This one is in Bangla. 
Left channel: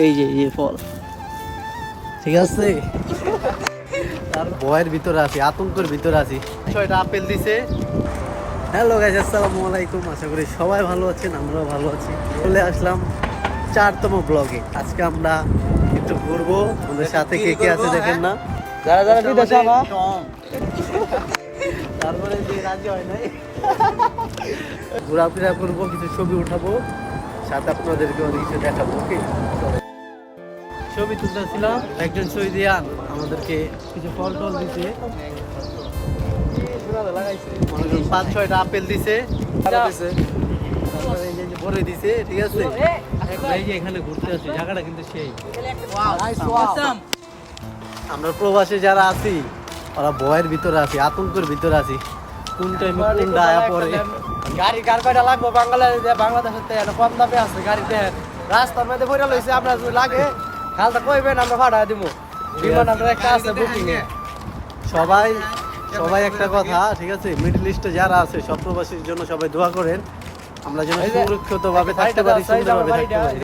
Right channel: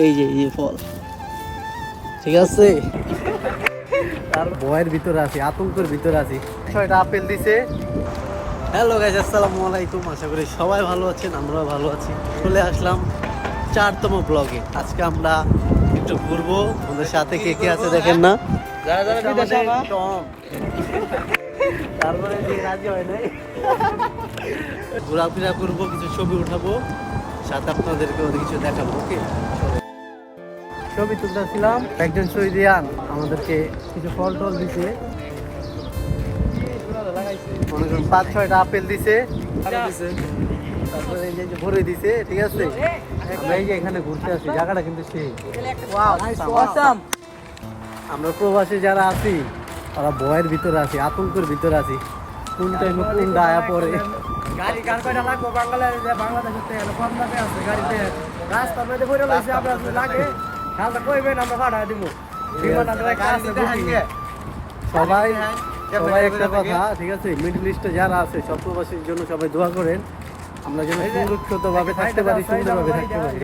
এই যে ফল, ঠিক আছে। তার ভয়ের ভিতরে আছি, আতঙ্কের ভিতরে আছি। 6টা আপেল দিছে। হ্যালো গাইস, আসসালামু আলাইকুম। আশা করি সবাই ভালো আছেন, আমরাও ভালো আছি। চলে আসলাম 4তম ব্লগে। আজকে আমরা একটু ঘুরবো। আমাদের সাথে কে কে আছে দেখেন না। তারপরে যে রাজি হয় নাই, ঘোরাফেরা করবো, কিছু ছবি উঠাবো, সাথে আপনাদেরকে অনেক কিছু দেখাবো। ওকে, ছবি তুলতেছিলাম। একজন শহীদিয়ান আমাদেরকে কিছু ফল টল দিছে, মনে করুন 5-6টা আপেল দিছে, তারপরে এই যে ভরে দিছে, ঠিক আছে। আমরা এই যে এখানে ঘুরতে আসি, জায়গাটা কিন্তু সেই। আমরা প্রবাসী যারা আছি, ওরা ভয়ের ভিতরে আছি, আতঙ্কের ভিতরে আছি। কোন টাইমে কোনটা আয়া পড়ে। গাড়ি কার কয়টা লাগবে বাংলাদেশে কম দামে আছে গাড়িতে, রাস্তার মধ্যে পড়ে লইছে। আমরা যদি লাগে খালটা কইবেন, আমরা ভাড়া দিব। সবাই সবাই একটা কথা, ঠিক আছে, মিডল ইস্টে যারা আছে সব প্রবাসীর জন্য সবাই দোয়া করেন, আমরা যেন সুরক্ষিত ভাবে থাকতে পারি, সুন্দরভাবে থাকতে পারি।